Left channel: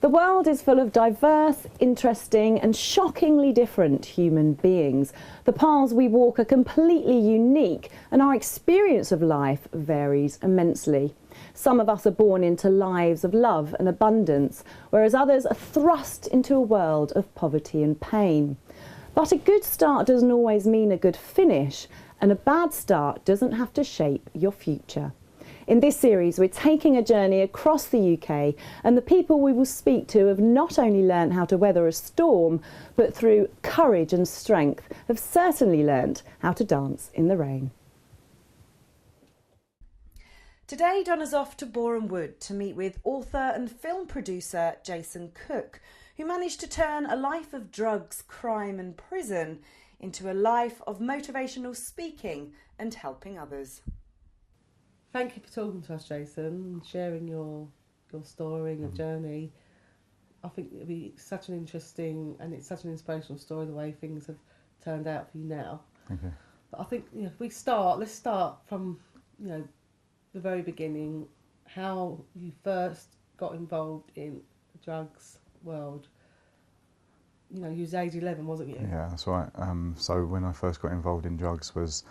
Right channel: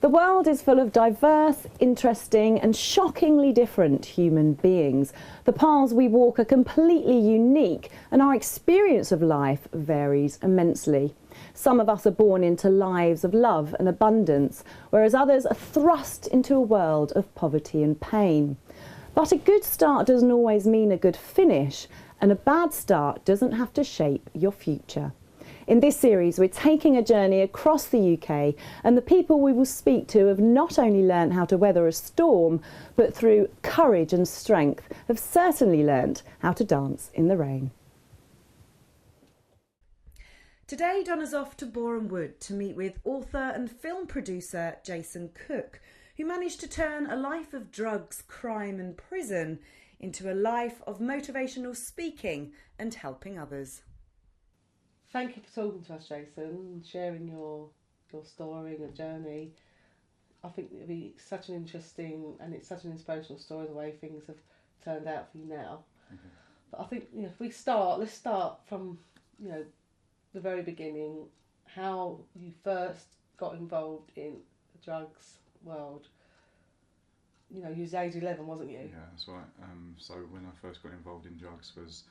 The world is full of diverse, interesting and shockingly different human beings. The paths we walk are completely unique and our experience of life varies immensely. Some of us are born into lives of love and abundance, whereas others are thrust into a world of poverty and pain. But a good start doesn't always mean a good finish, and a bad start doesn't have to shape your future. In this series, we're taking a journey across the UK, and the people we will speak to have not only learned how to weather a storm, but through courage and strength have certainly learnt how to dance in the rain. Today, Donna's off to Boreham Wood to meet with author and film producer Jason Cook, who managed to turn a life of drugs, crime and prison into a life of motivational speaking and helping others. Thank you for talking to us, Jason, and sharing your story and your journey. I think it'll be such an interesting and it's such an inspirational story the way things have turned out for you now. Thank you. But I think if let's start from the very beginning, how you first got involved in the drugs world. You was age 11, wasn't you? Yeah, that's right. So when I first got involved in drugs was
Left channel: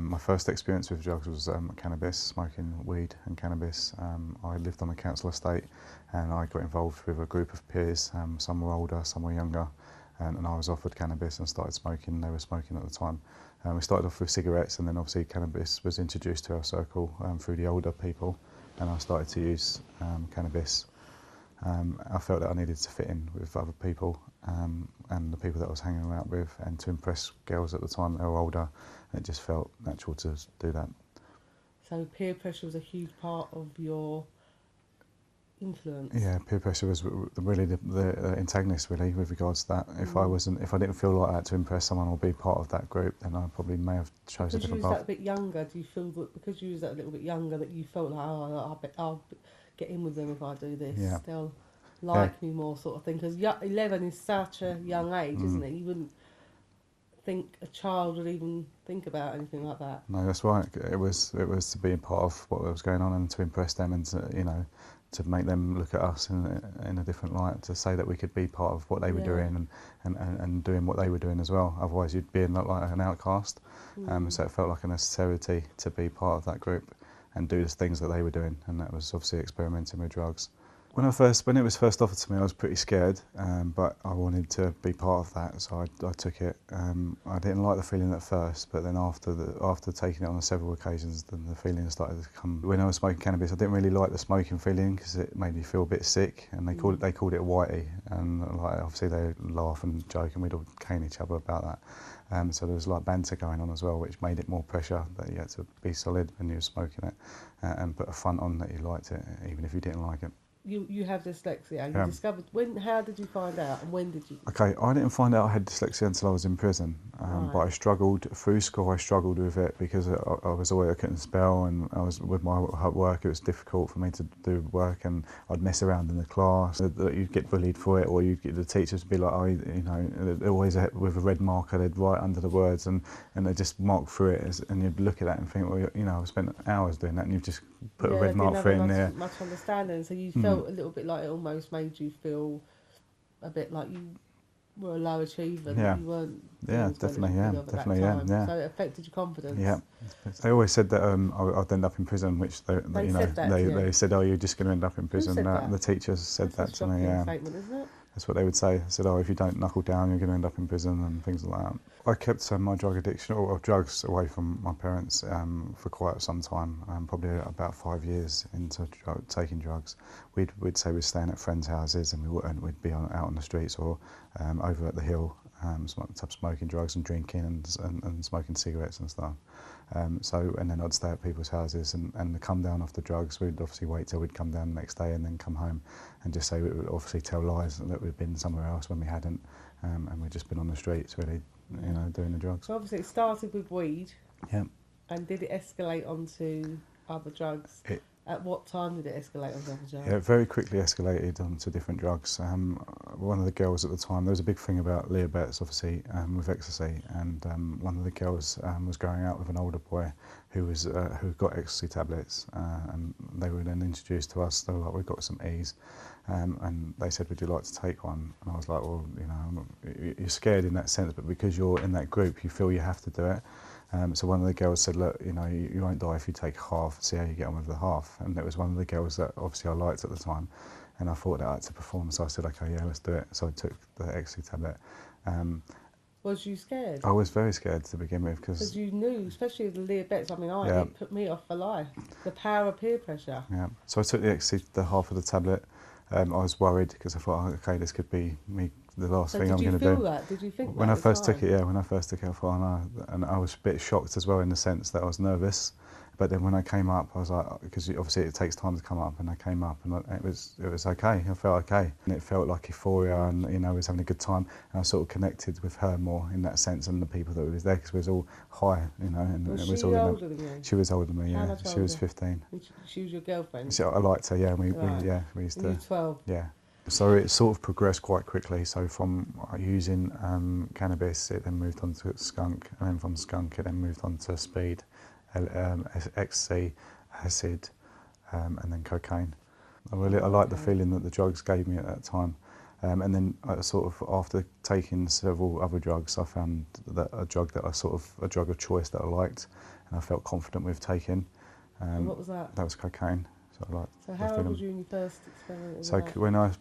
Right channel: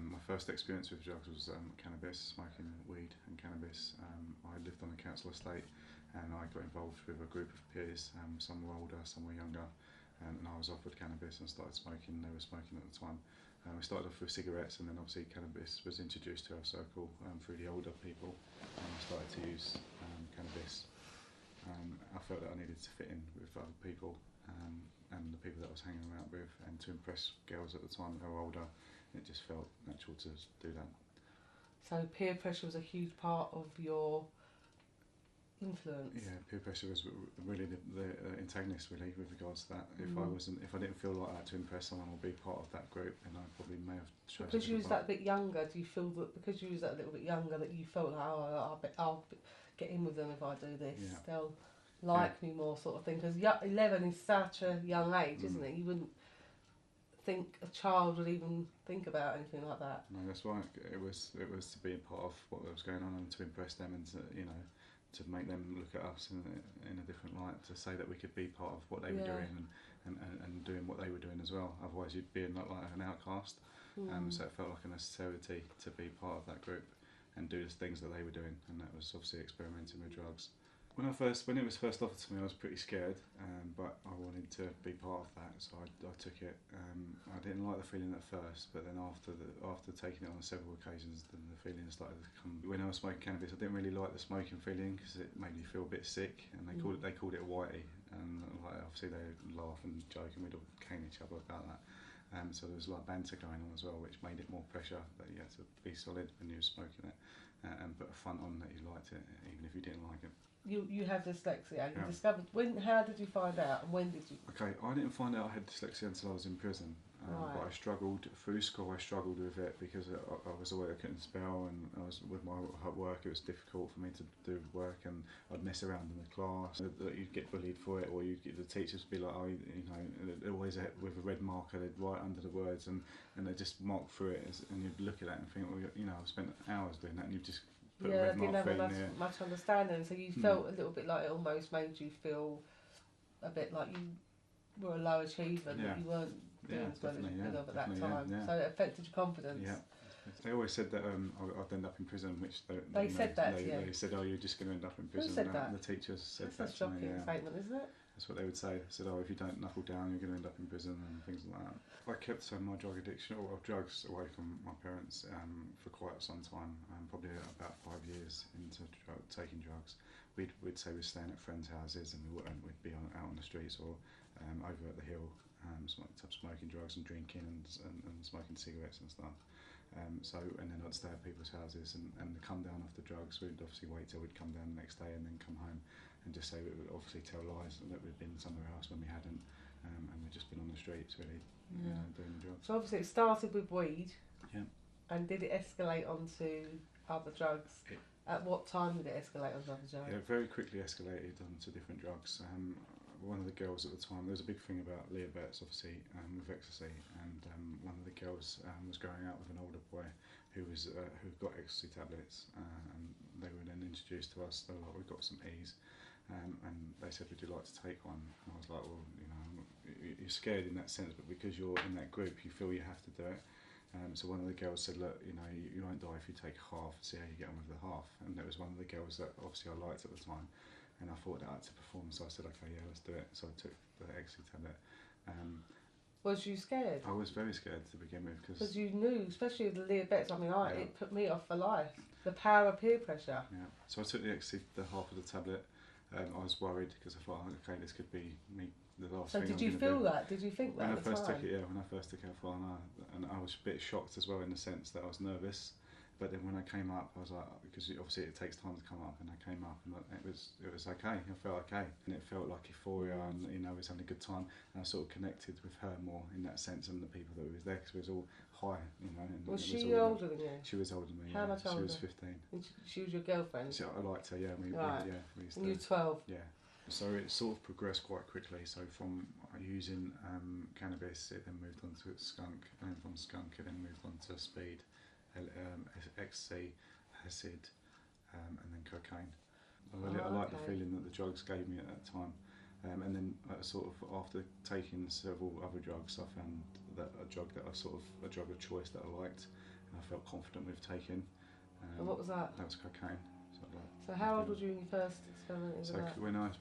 my first experience with drugs was cannabis, smoking weed and cannabis. I lived on a council estate and I got involved with a group of peers. Some were older, some were younger, and I was offered cannabis and started smoking. They were smoking at the time. We started off with cigarettes, and then obviously cannabis was introduced to our circle through the older people, and I started to use cannabis. I felt that I needed to fit in with other people and the people that I was hanging around with, and to impress girls at the time that were older. It just felt natural to do that. So peer pressure was a huge part of your influence. Yeah, peer pressure was really the antagonist, really, with regards to that. If I didn't feel like I had to impress someone or be part of that group, then I probably may have chosen a different path. Because you was that bit younger, do you feel that because you was that little bit younger that you felt like, I'll get in with them if I do this? Yeah. They'll like me more, sort of thing. Because 11 is such a young age, isn't it? You wouldn't think a child would even think about anything like that. No, that's right. It was to be a part of what was going on and to impress them, and to make them look at us in a different light, to say that we could be part of what they were doing and doing what they were doing as well. Otherwise you'd be not like an outcast. So it felt like a necessity to be part of that group and do the things that they were doing, and that was obviously experimenting with drugs. When it was first offered to me, I was pretty scared, but I wanted to be part of that, so I took it. I didn't like the feeling at first, but then after taking it on several occasions, then the feeling started to come. When I was smoking cannabis, I didn't really like the smoking feeling because it made me feel a bit sick, and they called it whitey, and obviously they laugh and joke, and we'd all cane each other about that. So there was banter going on as well, which made it more pressure that you had to be solid when you were smoking it, and put a front on that you liked it, even if you didn't like it. You have dyslexia. You discovered how did you find out, and when did you? Okay, I didn't find out I had dyslexia until I was in prison. Right. But I struggled through school. I struggled with it because I couldn't spell, and I was with my work. It was difficult for me to do work, and I'd mess around in the class. You'd get bullied for it, or you'd get the teachers to be like, always with a red marker. They'd write under the words, and they just mark through it, and you'd look at that and think, well, I've spent hours doing that, and you've just put a red mark through it in there. Much understanding, so you felt a little bit like it almost made you feel a bit like you were a low achiever. Yeah. You weren't. Yeah, definitely. Yeah. So it affected your confidence. Yeah. They always said that I'd end up in prison, which they said, oh, you're just going to end up in prison. Who said that? The teachers said that to me. Yeah. Statement, isn't it? That's what they would say. They said, oh, if you don't knuckle down, you're going to end up in prison and things like that. I kept my drug addiction or drugs away from my parents for quite some time, probably about 5 years into taking drugs. We'd say we're staying at friends' houses, and we wouldn't. We'd be out on the streets or over at the hill, smoking drugs and drinking and smoking cigarettes and stuff. And then I'd stay at people's houses and the come down off the drugs, we'd obviously wait till we'd come down the next day and then come home and just say, we would obviously tell lies that we'd been somewhere else when we hadn't, and we'd just been on the streets really, doing the drugs. So obviously it started with weed. Yeah. And did it escalate onto other drugs? At what time did it escalate on other drugs? Yeah, it very quickly escalated onto different drugs. One of the girls at the time, there was a big thing about Leah Betts, obviously, with ecstasy, and one of the girls was going out with an older boy who got ecstasy tablets, and they were then introduced to us. They were like, "We've got some E's," and they said, "Would you like to take one?" And I was like, "Well, you know, you're scared in that sense, but because you're in that group, you feel you have to do it." So one of the girls said, "Look, you know, you won't die if you take half, see how you get on with the half." And it was one of the girls that obviously I liked at the time, and I thought that I had to perform, so I said, "Okay, yeah, let's do it." So I took the ecstasy tablet. Was you scared? I was very scared to begin with Because you knew, especially with Leah Betts, I mean, Yeah. it put me off for life. The power of peer pressure. Yeah. So I took the ecstasy, the half of the tablet. I was worried because I thought, okay, this could be me, the last thing I'm going to do. Did you feel that? Did you think When that I at the first took time? it, yeah, when I first took it, I thought, oh, no. And I was a bit shocked as well in the sense that I was nervous. But then when I came up, I was like, because obviously it takes time to come up, and I came up and it was okay. I felt okay, and it felt like euphoria, and you know, I was having a good time, and I sort of connected with her more in that sense, and the people that was there, because we was all high, you know, and Was it was she all older than you? She was older than me, How yeah. much She was older? 15. And she was your girlfriend? So I liked her, yeah. Right. We used And to, you 12? yeah. So it sort of progressed quite quickly. So from using cannabis, it then moved on to skunk, and then from skunk, it then moved on to speed, ecstasy, acid, and then cocaine. I liked the feeling that the drugs gave me at that time. And then I sort of, after taking several other drugs, I found that a drug of choice that I liked, and I felt confident with taking. And what was that? That was cocaine. So I liked So the how old feeling. was you when you first experimented with So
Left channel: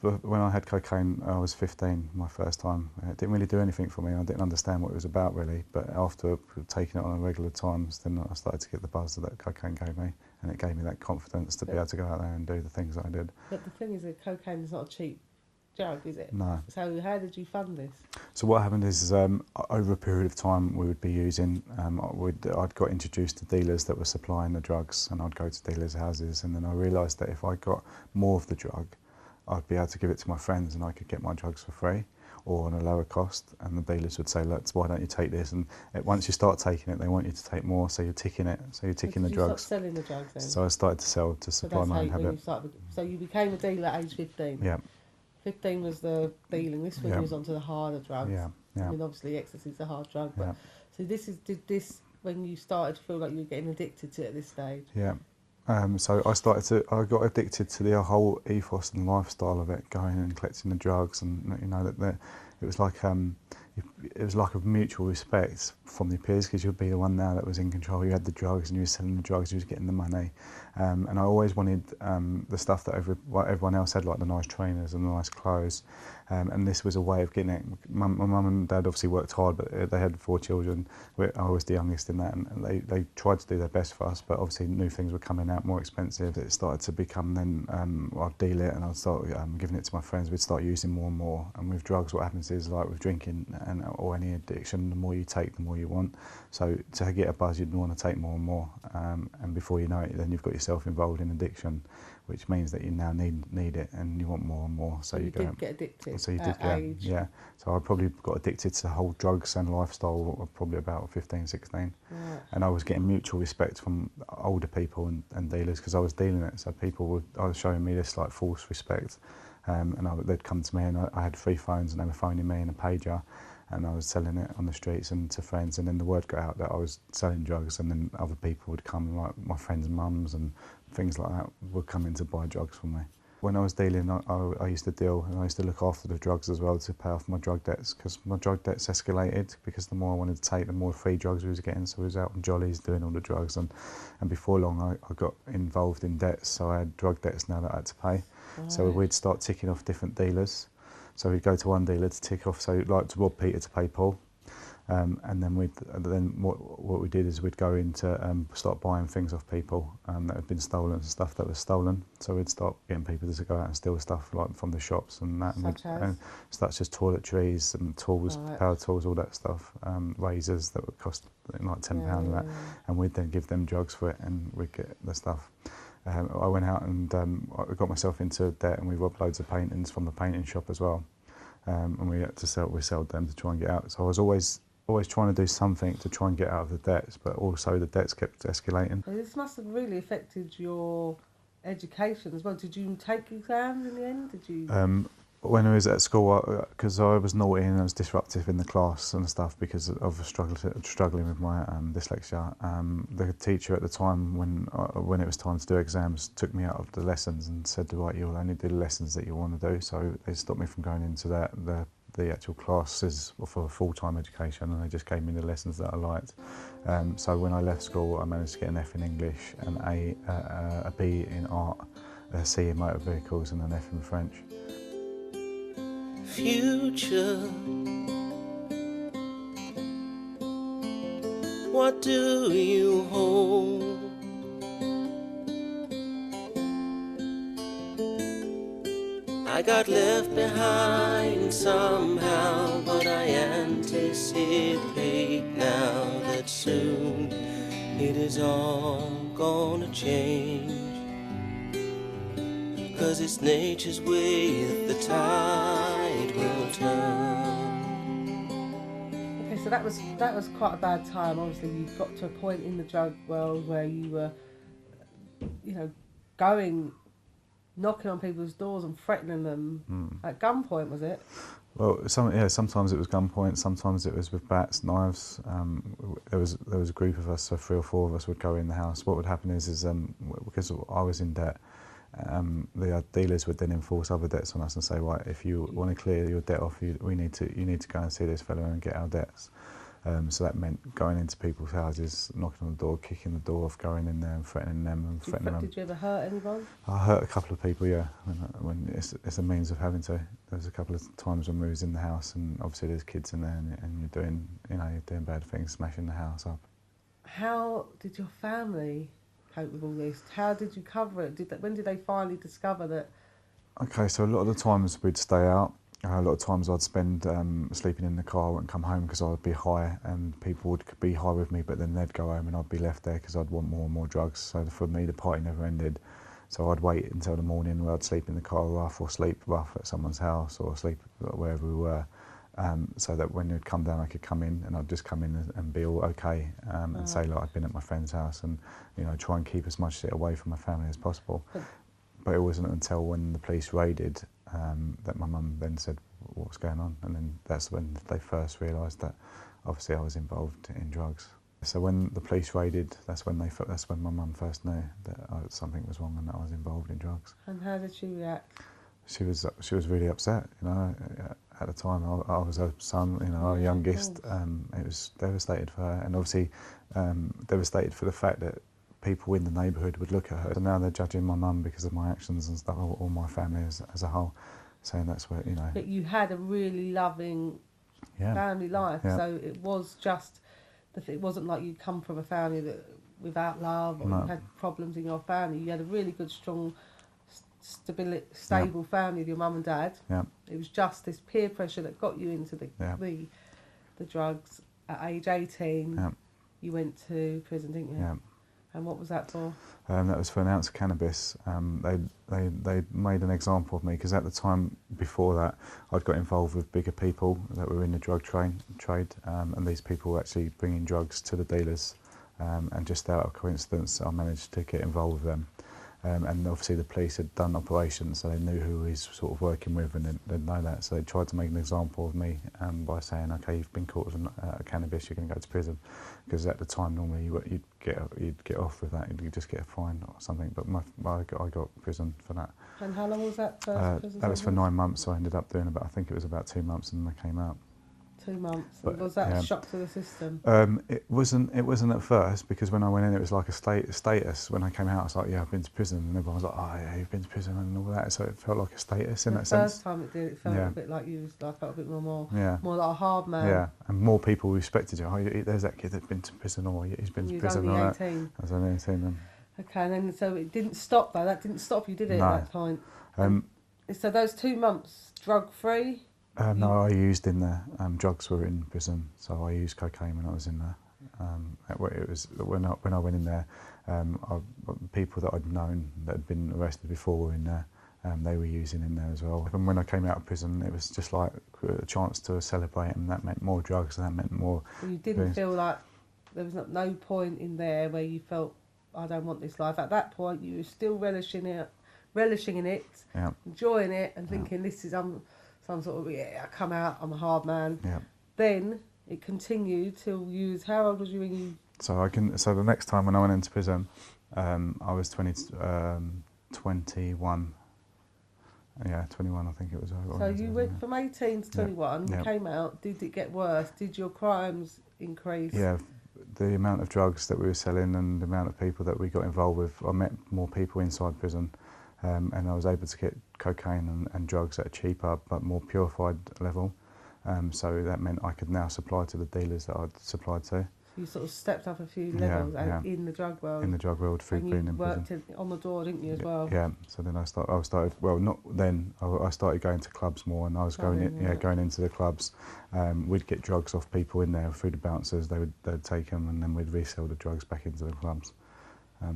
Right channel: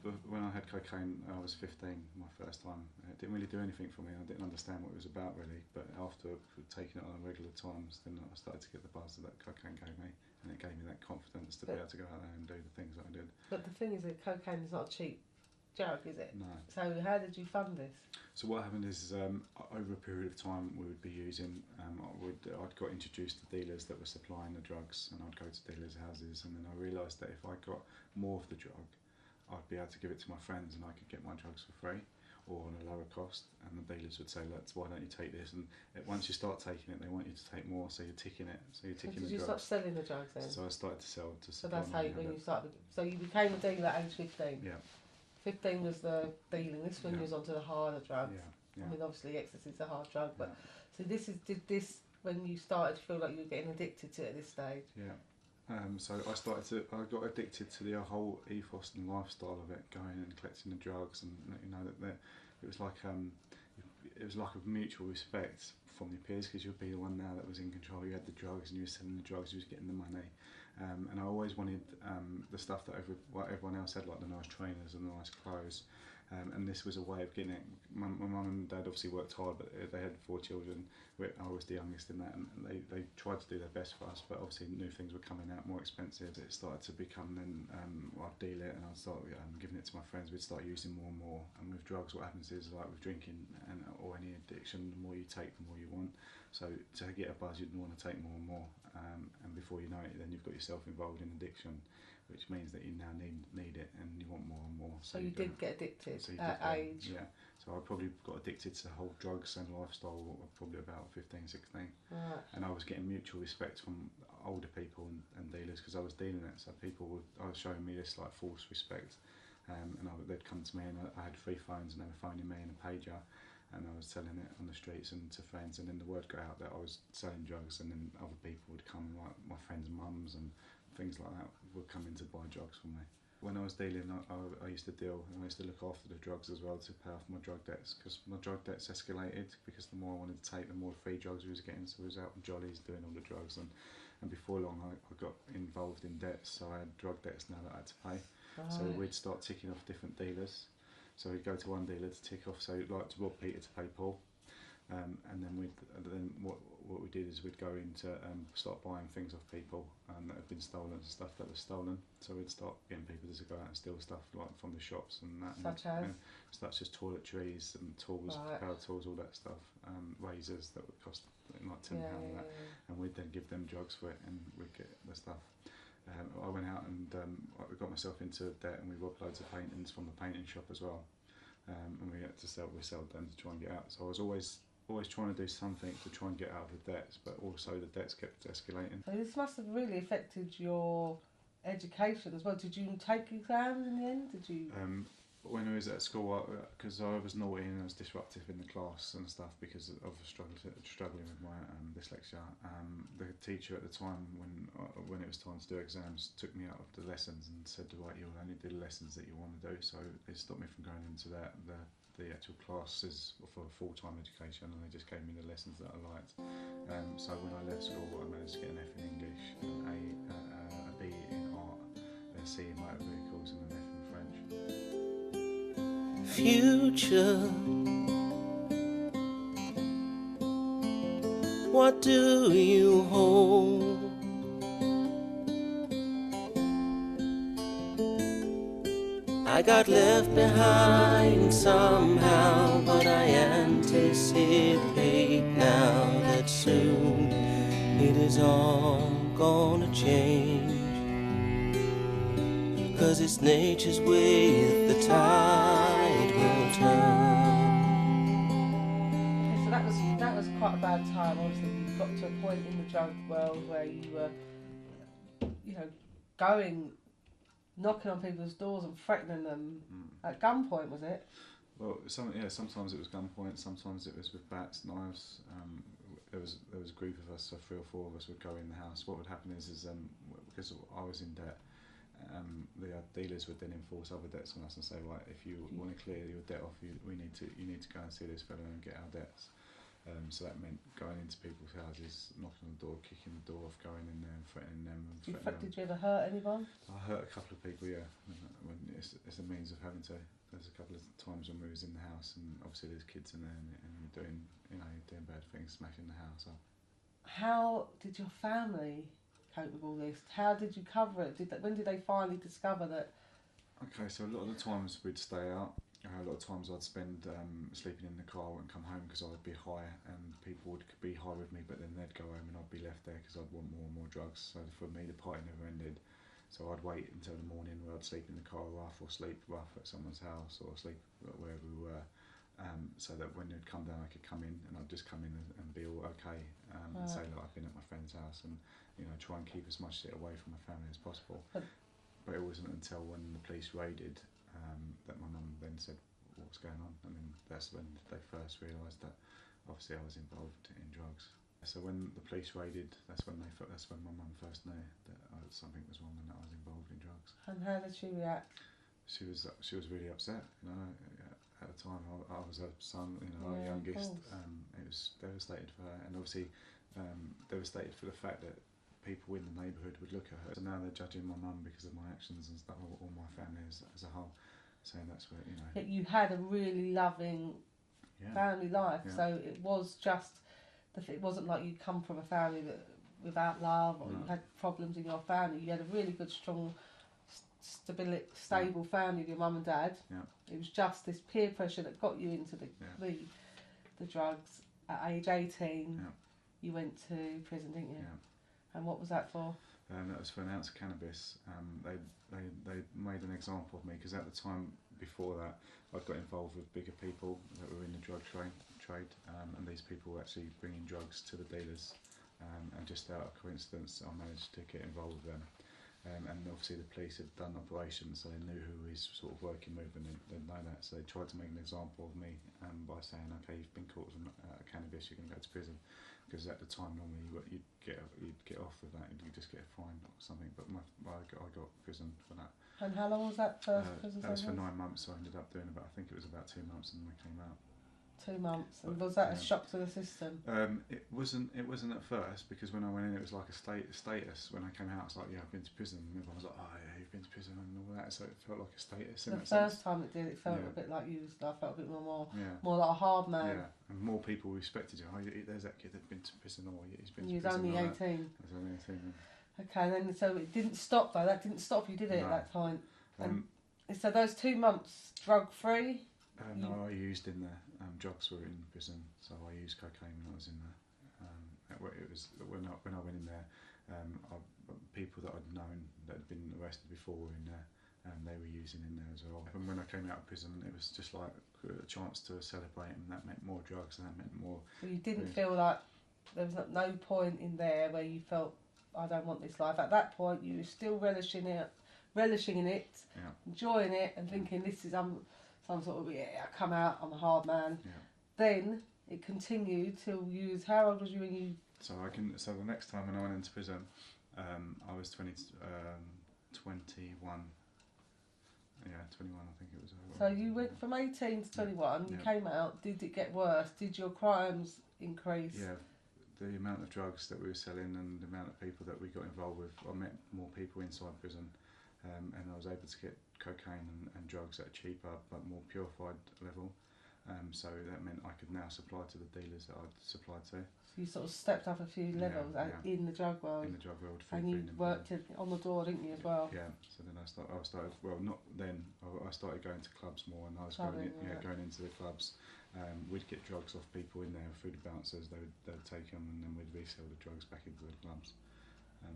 that? when I had cocaine, I was 15, my first time. It didn't really do anything for me. I didn't understand what it was about really. But after taking it on regular times, then I started to get the buzz that cocaine gave me, and it gave me that confidence to be able to go out there and do the things that I did. But the thing is that cocaine is not a cheap drug, is it? No. So how did you fund this? So what happened is, over a period of time, we would be using. I'd got introduced to dealers that were supplying the drugs, and I'd go to dealers' houses, and then I realised that if I got more of the drug, I'd be able to give it to my friends, and I could get my drugs for free or on a lower cost. And the dealers would say, "Look, why don't you take this?" And once you start taking it, they want you to take more, so you're ticking it. So you're ticking the drugs. You started selling the drugs then? So I started to sell to supply that's my own how habit. you started. So you became a dealer at age 15? Yeah. 15 was the dealing. This one was onto the harder drugs. Yeah, yeah. I mean, obviously, ecstasy is a hard drug, but Yeah. so did this when you started to feel like you were getting addicted to it at this stage? Yeah. So I got addicted to the whole ethos and lifestyle of it, going and collecting the drugs, and you know that it was like a mutual respect from the peers, because you'd be the one now that was in control. You had the drugs, and you were selling the drugs, you was getting the money, and I always wanted the stuff that everyone else had, like the nice trainers and the nice clothes. And this was a way of getting it. My mum and dad obviously worked hard, but they had 4 children. I was the youngest in that, and they tried to do their best for us, but obviously new things were coming out more expensive. It started to become then, I'd deal it, and I'd start giving it to my friends. We'd start using more and more. And with drugs, what happens is, like with drinking or any addiction, the more you take, the more you want. So to get a buzz, you'd want to take more and more. And before you know it, then you've got yourself involved in addiction, which means that you now need it, and you want more and more. So you did get addicted. So you did, yeah. So I probably got addicted to the whole drugs and lifestyle probably about 15, 16. Right. And I was getting mutual respect from older people and dealers, because I was dealing it. So I was showing me this like false respect, and they'd come to me, and I had 3 phones, and they were phoning me in a pager, and I was selling it on the streets and to friends, and then the word got out that I was selling drugs, and then other people would come, like my friends' mums and things like that, would come in to buy drugs from me. When I was dealing, I used to deal, and I used to look after the drugs as well to pay off my drug debts, because my drug debts escalated, because the more I wanted to take, the more free drugs we was getting. So I was out on jollies doing all the drugs, and before long I got involved in debts, so I had drug debts now that I had to pay. Right. So we'd start ticking off different dealers. So we'd go to one dealer to tick off, so like to rob Peter to pay Paul. And then what we did is we'd go in to start buying things off people that had been stolen, stuff that was stolen. So we'd start getting people to go out and steal stuff like from the shops and that. Such as toiletries and tools, power tools, all that stuff. Razors that would cost like £10 and that. And we'd then give them drugs for it, and we'd get the stuff. I went out and I got myself into debt, and we robbed loads of paintings from the painting shop as well. And we had to we sold them to try and get out. So I was always trying to do something to try and get out of the debts, but also the debts kept escalating. This must have really affected your education as well. Did you take exams in the end? Did you? When I was at school, because I was naughty and I was disruptive in the class and stuff because of struggling with my dyslexia, the teacher at the time, when it was time to do exams, took me out of the lessons and said, right, you'll only do the lessons that you want to do. So they stopped me from going into the actual classes for full-time education, and they just gave me the lessons that I liked. So when I left school, I managed to get an F in English, an a B in art, a C in motor vehicles, and an F in French. Future, what do you hold? I got left behind somehow, but I anticipate now that soon it is all gonna change. 'Cause it's nature's way that the tide will turn. Okay, so that was quite a bad time. Obviously, you got to a point in the drug world where you were, knocking on people's doors and threatening them at gunpoint, was it? Well, sometimes it was gunpoint, sometimes it was with bats, knives. There was a group of us, so 3 or 4 of us would go in the house. What would happen is because I was in debt, the dealers would then enforce other debts on us and say, right, if you want to clear your debt off, you need to go and see this fellow and get our debts. So that meant going into people's houses, knocking on the door, kicking the door off, going in there and threatening them and threatening them. Did you ever hurt anyone? I hurt a couple of people, yeah. When it's a means of having to. There was a couple of times when we was in the house, and obviously there's kids in there, and you're doing bad things, smashing the house up. How did your family cope with all this? How did you cover it? When did they finally discover that? Okay, so a lot of the times we'd stay out. A lot of times I'd spend sleeping in the car, I wouldn't come home because I'd be high, and people would be high with me, but then they'd go home and I'd be left there because I'd want more and more drugs. So for me, the party never ended. So I'd wait until the morning where I'd sleep in the car rough, or sleep rough at someone's house, or sleep wherever we were, so that when they'd come down I could come in, and I'd just come in and be all okay, and say like I'd been at my friend's house, and try and keep as much shit away from my family as possible. But it wasn't until when the police raided that my mum then said, what's going on? And then that's when they first realised that obviously I was involved in drugs. So when the police raided, that's when my mum first knew that something was wrong and that I was involved in drugs. And how did she react? She was really upset. At the time I was her son, our youngest. It was devastated for her, and obviously devastated for the fact that people in the neighbourhood would look at her. So now they're judging my mum because of my actions and stuff, or my family as a whole, saying that's what, But you had a really loving family life, so it was just, it wasn't like you come from a family that without love, or you had problems in your family. You had a really good, strong, stable family with your mum and dad. Yeah. It was just this peer pressure that got you into the drugs. At age 18, you went to prison, didn't you? Yeah. And what was that for? That was for an ounce of cannabis. They made an example of me because at the time before that I'd got involved with bigger people that were in the drug trade, and these people were actually bringing drugs to the dealers, and just out of coincidence I managed to get involved with them. And obviously the police had done operations, so they knew who he was sort of working with, and they'd know that. So they tried to make an example of me by saying, "Okay, you've been caught with cannabis, you're going to go to prison." Because at the time, normally you'd get off with that, you'd just get a fine or something. But I got prison for that. And how long was that first prison? That was for 9 months. So I ended up doing I think it was about 2 months, and I came out. 2 months. But, and was that a shock to the system? It wasn't at first, because when I went in it was like a status. When I came out I was like, yeah, I've been to prison, and everyone was like, oh yeah, you've been to prison and all that, so it felt like a status in that sense. The first time it did, it felt a bit like I felt a bit more like a hard man. Yeah, and more people respected you. Oh, there's that kid that's been to prison, or he's been to prison. You was only 18. I was only 18 then. Okay, and then so it didn't stop though. That didn't stop you, did it? No. At that point. So those 2 months drug free. No, I used in there. Drugs were in prison, so I used cocaine when I was in there. It was when I went in there, people that I'd known that had been arrested before were in there. They were using in there as well. And when I came out of prison, it was just like a chance to celebrate, and that meant more drugs, and that meant more. So you didn't feel like there was no point in there where you felt I don't want this life. At that point, you're still relishing in it, Yeah. enjoying it, and thinking this is some sort of I come out, I'm a hard man. Yeah. Then it continued till you was, how old was you when you? So the next time when I went into prison, I was 21. Yeah, 21 I think it was. So you went from 18 to 21, Yeah. came out, did it get worse? Did your crimes increase? Yeah, the amount of drugs that we were selling and the amount of people that we got involved with, I met more people inside prison, and I was able to get cocaine and drugs at a cheaper but more purified level. So that meant I could now supply to the dealers that I'd supplied to. So you sort of stepped up a few levels in the drug world. In the drug world, through and being you in worked prison. on the door, didn't you, as well? Yeah. So then I started. Well, not then. I started going to clubs more, and I was going into the clubs. We'd get drugs off people in there through the bouncers. They'd take them, and then we'd resell the drugs back into the clubs.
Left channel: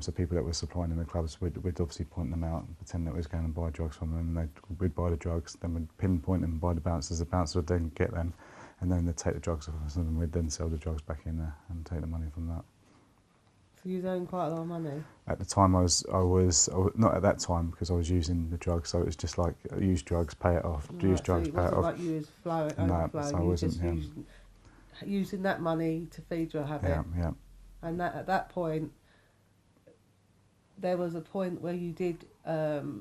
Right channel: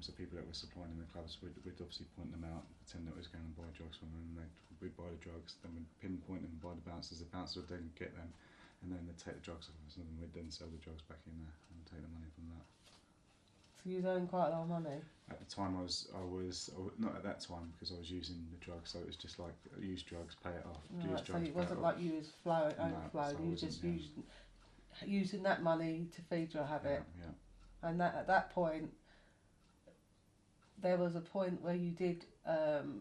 So people that were supplying in the clubs, we'd obviously point them out and pretend that we was going to buy drugs from them, and we'd buy the drugs, then we'd pinpoint them by the bouncers. The bouncers would then get them, and then they'd take the drugs off us, and we'd then sell the drugs back in there and take the money from that. So you was earning quite a lot of money? At the time I was not at that time, because I was using the drugs, so it was just like use drugs, pay it off, use drugs, pay it off. Like you was overflowing, so I you wasn't, just using that money to feed your habit. Yeah. And at that point, there was a point where you did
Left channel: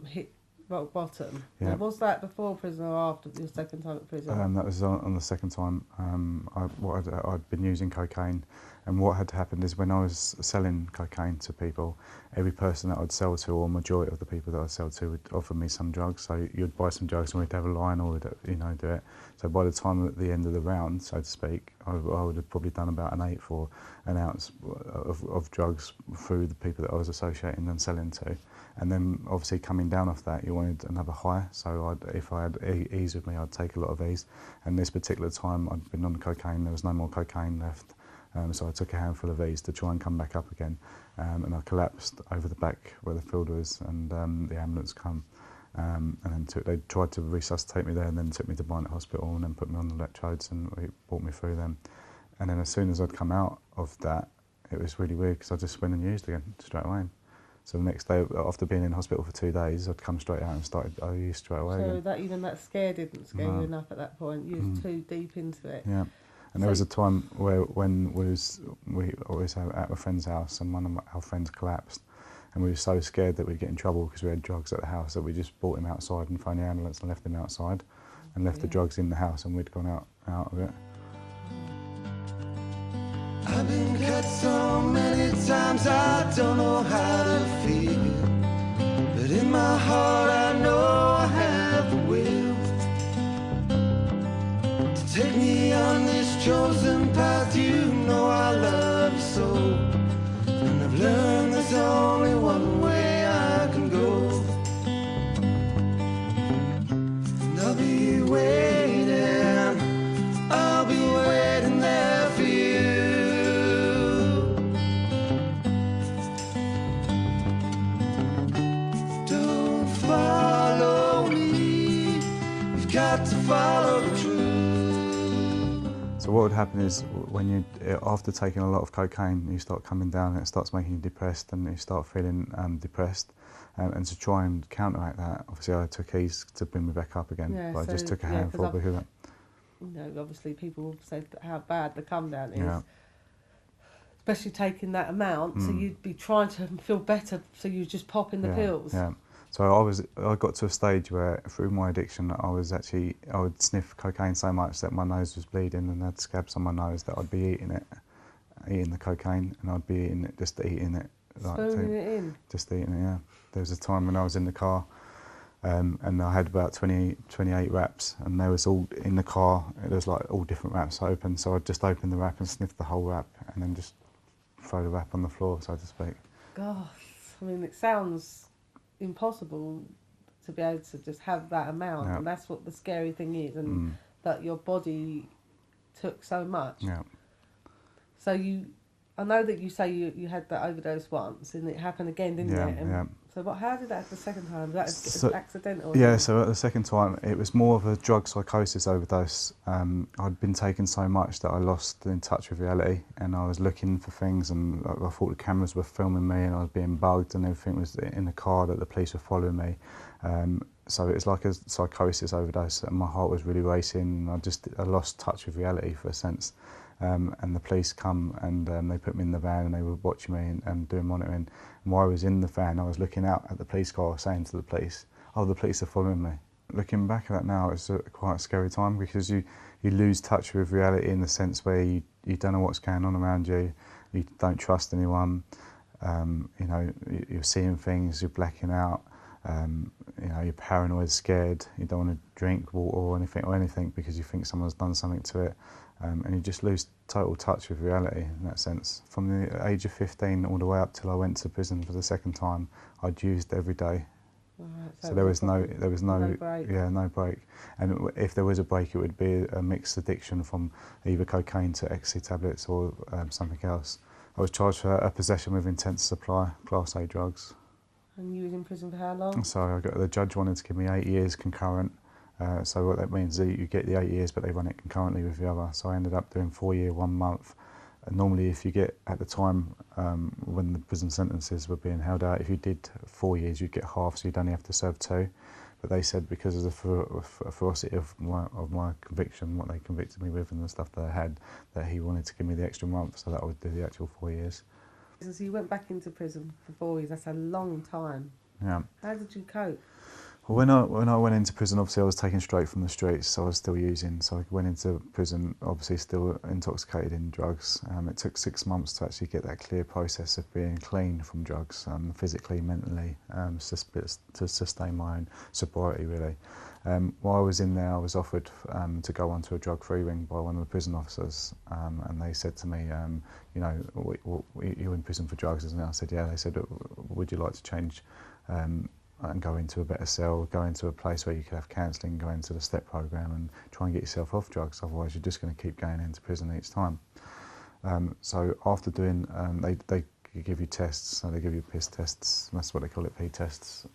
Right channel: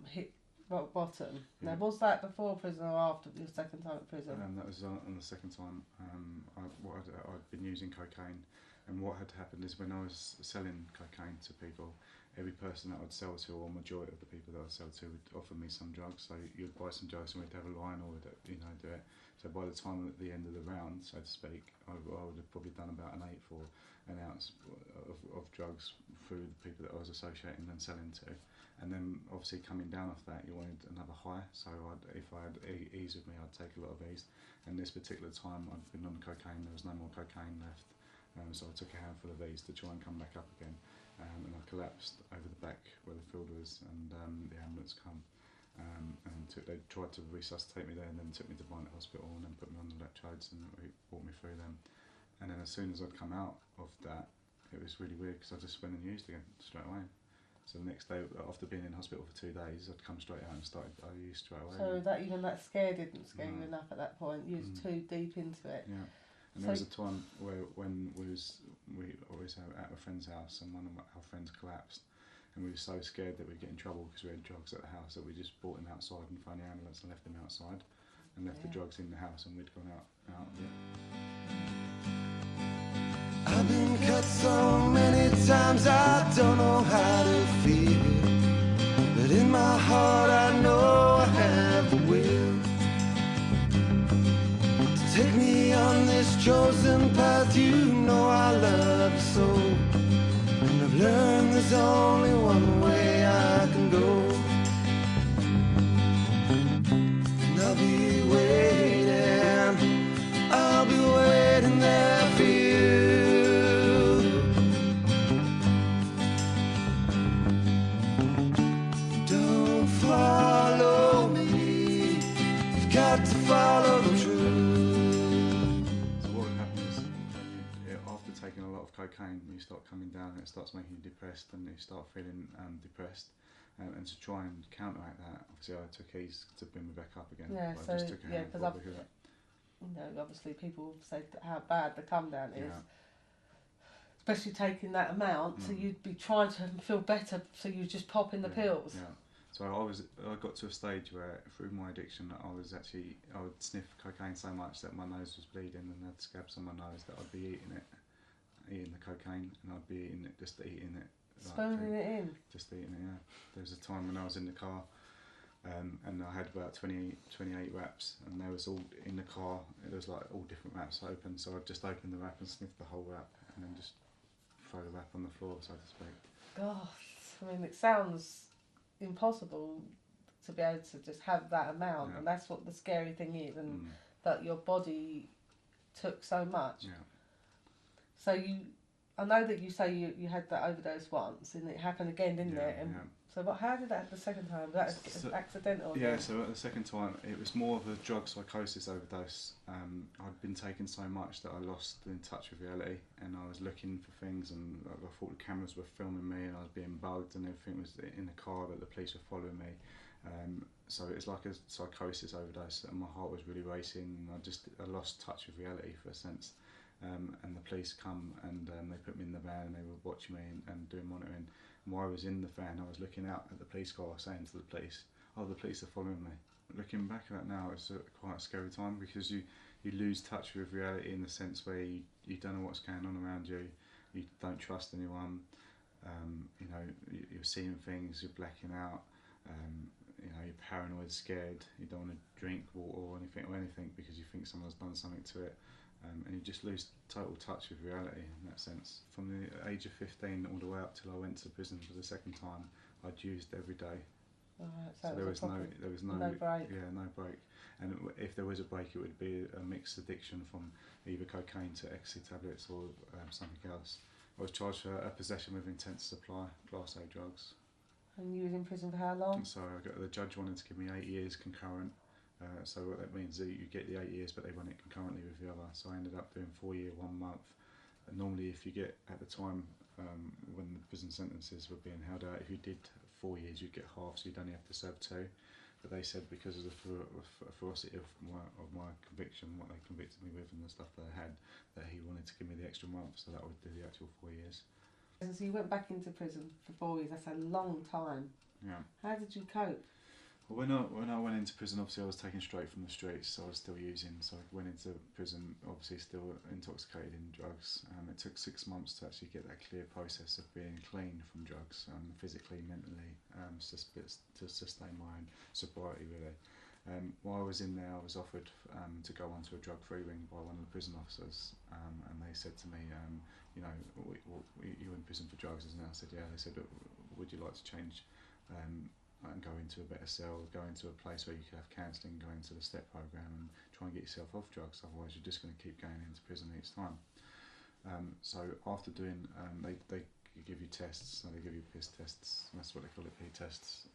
hit rock bottom. Yeah. Now, was that before prison or after your second time at prison? That was on the second time. I'd been using cocaine, and what had happened is when I was selling cocaine to people, every person that I'd sell to, or majority of the people that I'd sell to, would offer me some drugs. So you'd buy some drugs and we'd have a line, or we'd do it. So by the time at the end of the round, so to speak, I would have probably done about an 1/8 or an ounce of drugs through the people that I was associating and selling to. And then obviously coming down off that, you wanted another high. So if I had ease with me, I'd take a lot of ease. And this particular time I'd been on cocaine, there was no more cocaine left. So I took a handful of ease to try and come back up again. And I collapsed over the back where the field was, and the ambulance come. And then they tried to resuscitate me there, and then took me to Barnet Hospital, and then put me on the electrodes and brought me through them. And then as soon as I'd come out of that, it was really weird, because I just went and used again straight away. So the next day, after being in hospital for 2 days, I'd come straight out and I used straight away. So again. that scare didn't scare you enough at that point. You was too deep into it. Yeah. And there was a time when we always at a friend's house, and one of our friends collapsed, and we were so scared that we'd get in trouble because we had drugs at the house, that we just brought him outside and phoned the ambulance and left him outside, and left the drugs in the house, and we'd gone out of it. I've been cut so many times I don't know how to feel, but in my heart I know I have the will to take me on this chosen path. You know I love you so, and I've learned there's only one way I can go, and I'll be waiting there for you. Follow me, you've got to follow the truth. So what would happen is, when after taking a lot of cocaine, you start coming down, and it starts making you depressed, and you start feeling depressed. And to try and counteract that, obviously I took ease to bring me back up again. Yeah, but I just took a handful because of that. You know, obviously people will say how bad the come down is. Yeah. Especially taking that amount, so you'd be trying to feel better, so you just pop in the pills. Yeah. So I got to a stage where, through my addiction, I would sniff cocaine so much that my nose was bleeding, and I had scabs on my nose that I'd be eating the cocaine, and I'd be eating it, just eating it. Spooning it in? Just eating it, yeah. There was a time when I was in the car, and I had about 28 wraps, and they was all in the car. There was like all different wraps open, so I'd just open the wrap and sniff the whole wrap, and then just throw the wrap on the floor, so to speak. Gosh, I mean, it sounds impossible to be able to just have that amount, and that's what the scary thing is, and that your body took so much. Yeah. So you, I know that you say you had that overdose once, and it happened again, didn't it? And yeah. so, how did that happen the second time? Was that accidental? Yeah, so at the second time, it was more of a drug psychosis overdose. I'd been taking so much that I lost in touch with reality, and I was looking for things, and I thought the cameras were filming me, and I was being bugged, and everything was in the car that the police were following me. So it was like a psychosis overdose, and my heart was really racing, and I lost touch with reality for a sense. And the police come, and they put me in the van, and they were watching me and doing monitoring. And while I was in the van, I was looking out at the police car, saying to the police, "Oh, the police are following me." Looking back at that now, it's quite a scary time, because you lose touch with reality in the sense where you don't know what's going on around you, you don't trust anyone, you know, you're seeing things, you're blacking out, you know, you're paranoid, scared, you don't want to drink water or anything because you think someone's done something to it. And you just lose total touch with reality in that sense. From the age of 15 all the way up till I went to prison for the second time, I'd used every day. Right, So there was no break. Yeah, no break. And if there was a break, it would be a mixed addiction from either cocaine to ecstasy tablets or something else. I was charged for a possession with intent to supply Class A drugs. And you was in prison for how long? So the judge wanted to give me 8 years concurrent. So what that means is you get the 8 years, but they run it concurrently with the other. So I ended up doing 4 year, 1 month. And normally, if you get, at the time, when the prison sentences were being held out, if you did 4 years, you'd get half, so you'd only have to serve 2. But they said because of the ferocity of my conviction, what they convicted me with and the stuff that I had, that he wanted to give me the extra month, so that I would do the actual 4 years. So you went back into prison for 4 years. That's a long time. Yeah. How did you cope? Well, when I went into prison, obviously I was taken straight from the streets, so I was still using. So I went into prison, obviously still intoxicated in drugs. It took 6 months to actually get that clear process of being clean from drugs, physically, mentally, to sustain my own sobriety, really. While I was in there, I was offered to go onto a drug-free wing by one of the prison officers, and they said to me, you know, you're in prison for drugs, isn't it? I said, yeah. They said, would you like to change and go into a better cell, go into a place where you could have counselling, go into the STEP programme and try and get yourself off drugs, otherwise you're just going to keep going into prison each time. So after doing, they give you tests, so they give you piss tests, that's what they call it, P tests,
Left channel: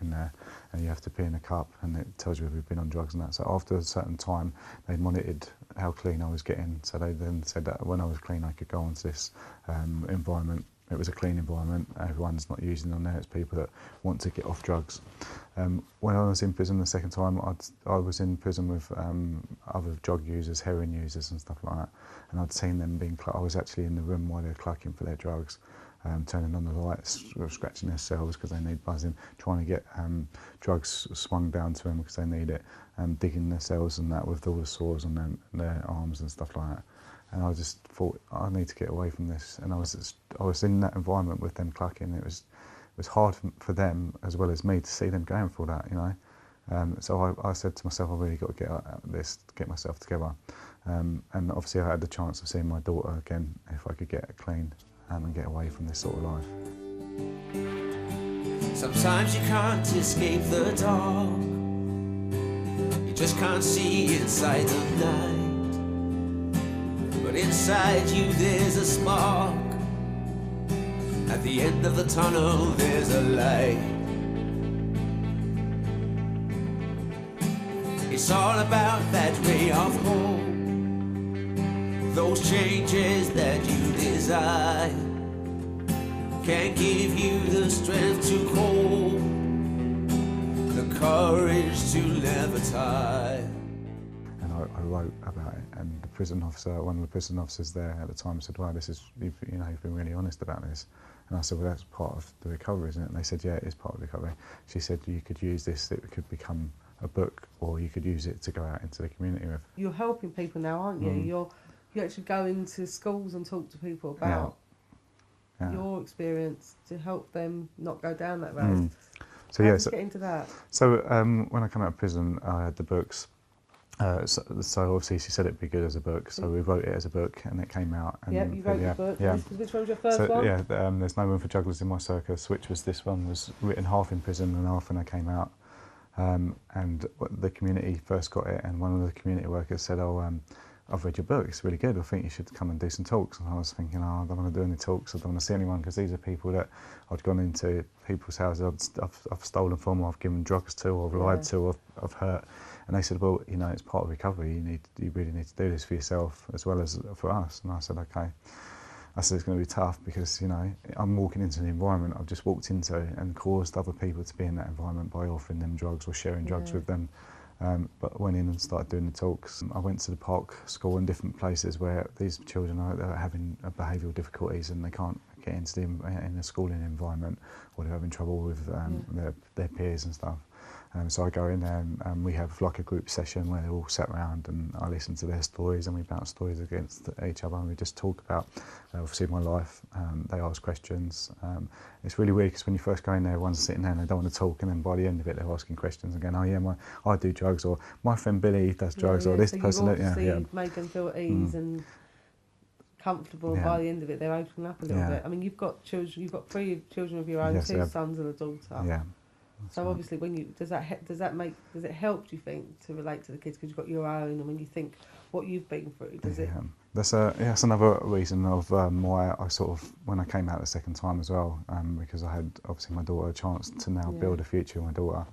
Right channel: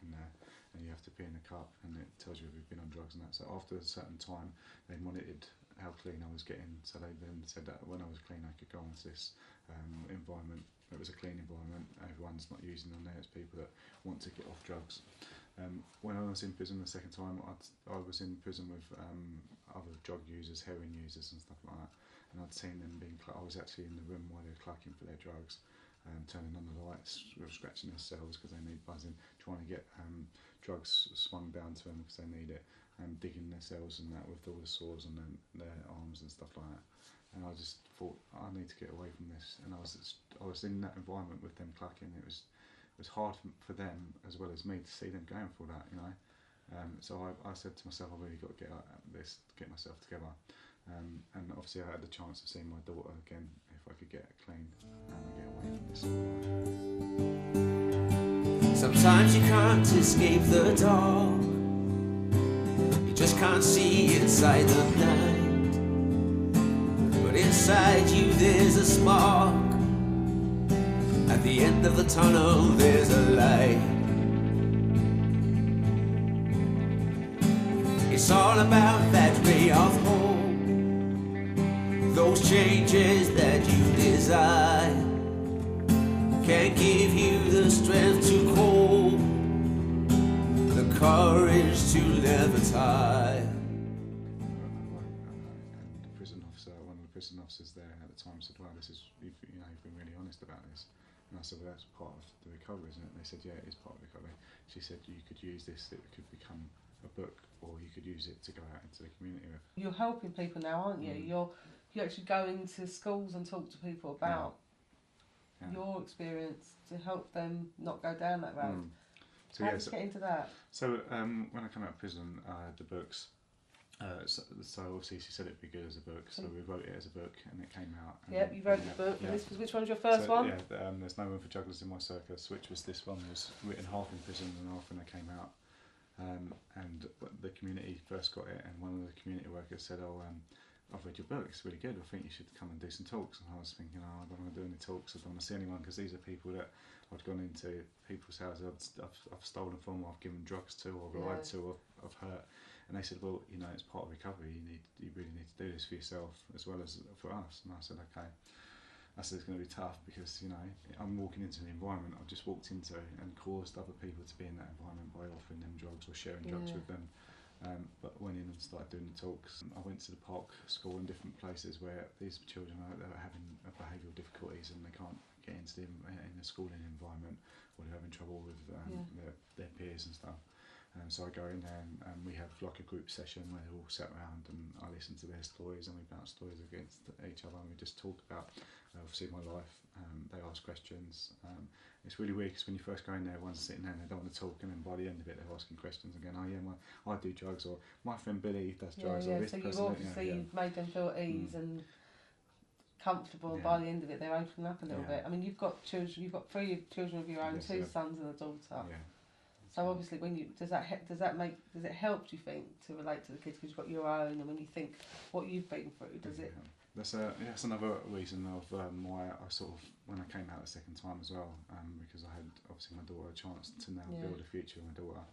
in there, and you have to pee in a cup, and it tells you if you've been on drugs and that. So after a certain time, they monitored how clean I was getting, so they then said that when I was clean I could go onto this environment. It was a clean environment, everyone's not using on there, it's people that want to get off drugs. When I was in prison the second time, I was in prison with other drug users, heroin users and stuff like that, and I'd seen them I was actually in the room while they were clucking for their drugs, turning on the lights, scratching their cells because they need buzzing, trying to get drugs swung down to them because they need it, digging their cells and that with all the sores on their arms and stuff like that. And I just thought, I need to get away from this. And I was in that environment with them clucking. It was hard for them as well as me to see them going through that, you know. So I said to myself, I've really got to get out of this, get myself together. And obviously I had the chance of seeing my daughter again, if I could get clean and get away from this sort of life. Sometimes you can't escape the dark. You just can't see inside the night. But inside you there's a spark. At the end of the tunnel there's a light. It's all about that ray of hope, those changes that you desire can give you the strength to cope, the courage to never tire. I wrote about it, and the prison officer, one of the prison officers there at the time said, "Wow, you've been really honest about this." And I said, "Well, that's part of the recovery, isn't it?" And they said, "Yeah, it is part of the recovery." She said, "You could use this; it could become a book, or you could use it to go out into the community with." You're helping people now, aren't you? You actually go into schools and talk to people about your experience to help them not go down that road. So How did you get into that? So when I came out of prison, I had the books. So obviously she said it'd be good as a book, so we wrote it as a book, and it came out. And yeah, you wrote the book. Yeah. Which one's your first one? Yeah, There's No Room for Jugglers in My Circus, which was this one, was written half in prison and half when I came out. And the community first got it, and one of the community workers said, I've read your book, it's really good, I think you should come and do some talks. And I was thinking, oh, I don't want to do any talks, I don't want to see anyone, because these are people that I'd gone into people's houses, I've stolen from, or I've given drugs to, or I've lied to, or I've hurt. And they said, well, you know, it's part of recovery, you really need to do this for yourself as well as for us. And I said, okay. I said, it's going to be tough because, you know, I'm walking into the environment I've just walked into and caused other people to be in that environment by offering them drugs or sharing drugs with them. But I went in and started doing the talks. I went to the park school and different places where these children are having behavioural difficulties and they can't get into the schooling environment, or they're having trouble with their peers and stuff. So I go in there and we have like a group session where they're all sat around and I listen to their stories and we bounce stories against each other and we just talk about obviously my life. They ask questions. It's really weird because when you first go in there, everyone's sitting there and they don't want to talk, and then by the end of it they're asking questions and going, oh yeah, I do drugs, or my friend Billy does drugs, or this so person. You've made them feel at ease and comfortable, and by the end of it they're opening up a little bit. I mean, you've got children, you've got 3 children of your own, 2 sons and a daughter. Yeah. So obviously, when you does it help? Do you think, to relate to the kids because you've got your own, and when you think what you've been through, does it? That's another reason of why I sort of, when I came out the second time as well, because I had obviously my daughter a chance to now build a future with my daughter.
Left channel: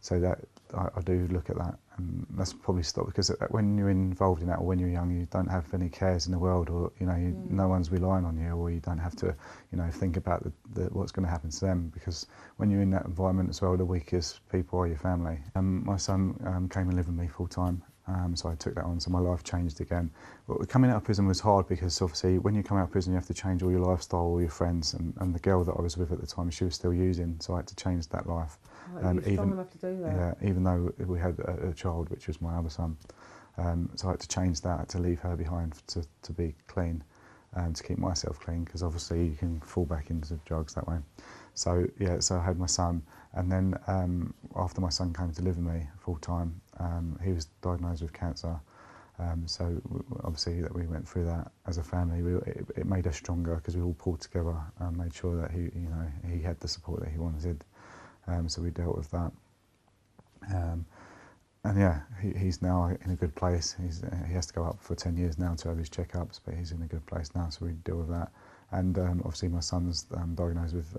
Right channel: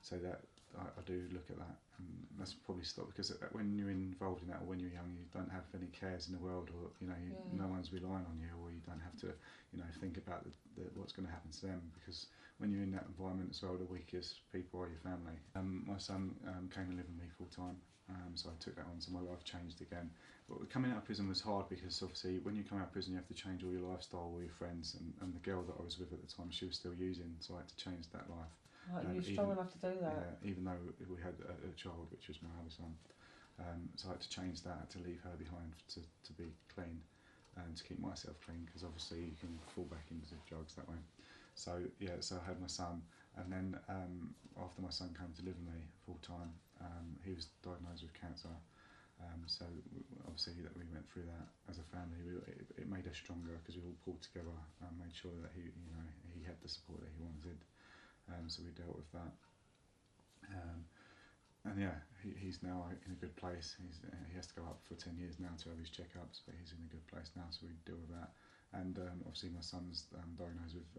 So that I do look at that, and that's probably stopped because when you're involved in that, or when you're young, you don't have any cares in the world, or you know, no one's relying on you, or you don't have to, you know, think about what's going to happen to them, because when you're in that environment as well, the weakest people are your family. My son came and lived with me full time, so I took that on, so my life changed again. But coming out of prison was hard because obviously when you come out of prison you have to change all your lifestyle, all your friends, and the girl that I was with at the time, she was still using, so I had to change that life. You're strong enough to do that. Yeah, even though we had a child, which was my other son. So I had to change that, to leave her behind to be clean, to keep myself clean, because obviously you can fall back into drugs that way. So yeah, so I had my son, and then after my son came to live with me full time, he was diagnosed with cancer. So obviously that we went through that as a family, it made us stronger because we all pulled together and made sure that he had the support that he wanted. So we dealt with that, and yeah, he's now in a good place. He has to go up for 10 years now to have his checkups, but he's in a good place now, so we deal with that. And obviously my son's diagnosed with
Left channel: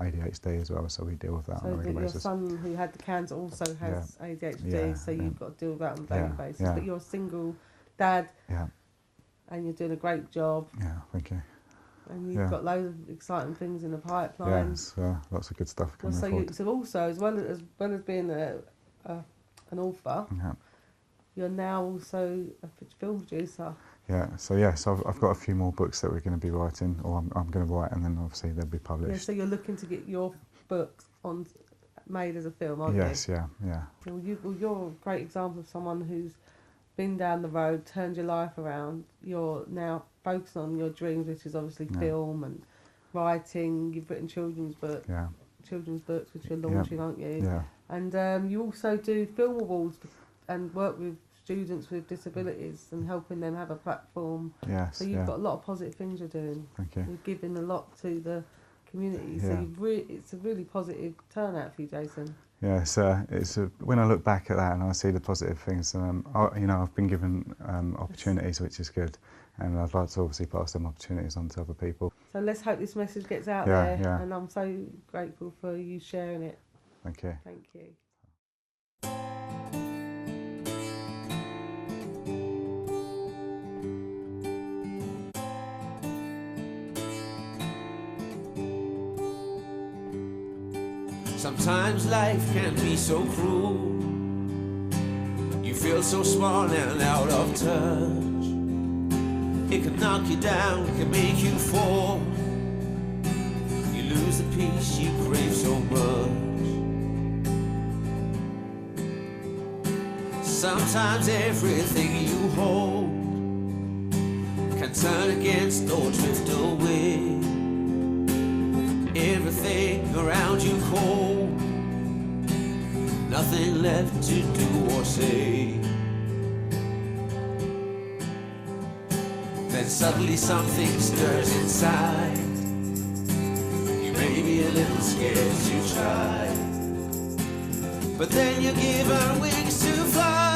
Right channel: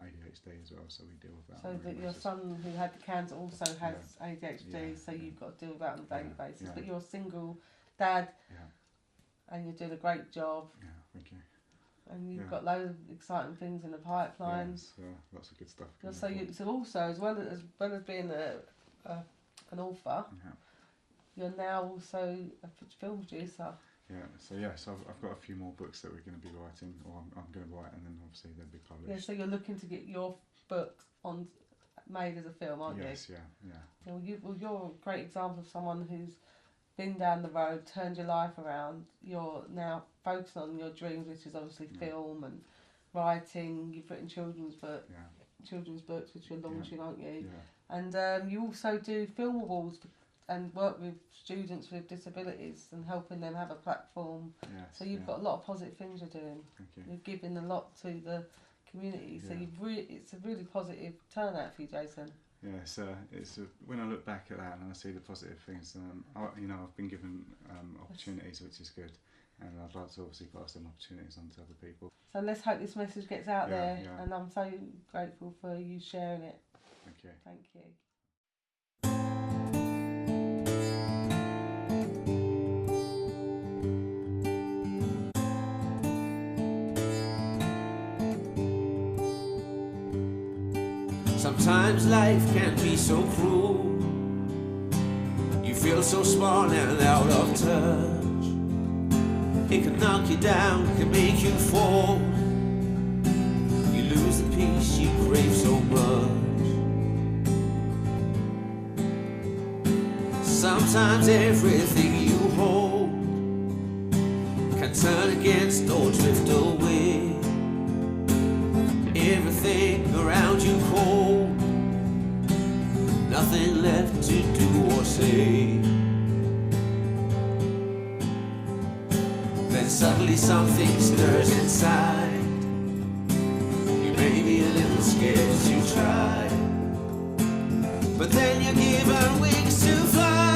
ADHD as well, so we deal with that on a regular basis. So your son who had the cancer also has ADHD, so you've got to deal with that on a daily basis. Yeah. But you're a single dad, and you're doing a great job. Yeah, thank you. And you've got loads of exciting things in the pipeline. Yes, lots of good stuff coming forward. So also, as well as being an author, you're now also a film producer. So I've got a few more books that we're going to be writing, or I'm going to write, and then obviously they'll be published. Yeah, so you're looking to get your books made as a film, aren't you? Yes, yeah. Well, you're a great example of someone who's been down the road, turned your life around. You're now focusing on your dreams, which is obviously film and writing. You've written children's books, which you're launching, aren't you? Yeah. And you also do film awards and work with students with disabilities and helping them have a platform. Yes. So you've got a lot of positive things you're doing. Thank you. You're giving a lot to the community. So it's a really positive turnout for you, Jason. Yeah, when I look back at that and I see the positive things, I've been given opportunities, which is good, and I'd like to obviously pass them opportunities on to other people. So let's hope this message gets out there, and I'm so grateful for you sharing it. Thank you. Thank you. Sometimes life can be so cruel. You feel so small and out of touch. It can knock you down, can make you fall. You lose the peace you crave so much. Sometimes everything you hold can turn against or drift away. Everything around you cold, nothing left to do or say. Then suddenly something stirs inside. You may be a little scared to try, but then you're given wings to fly.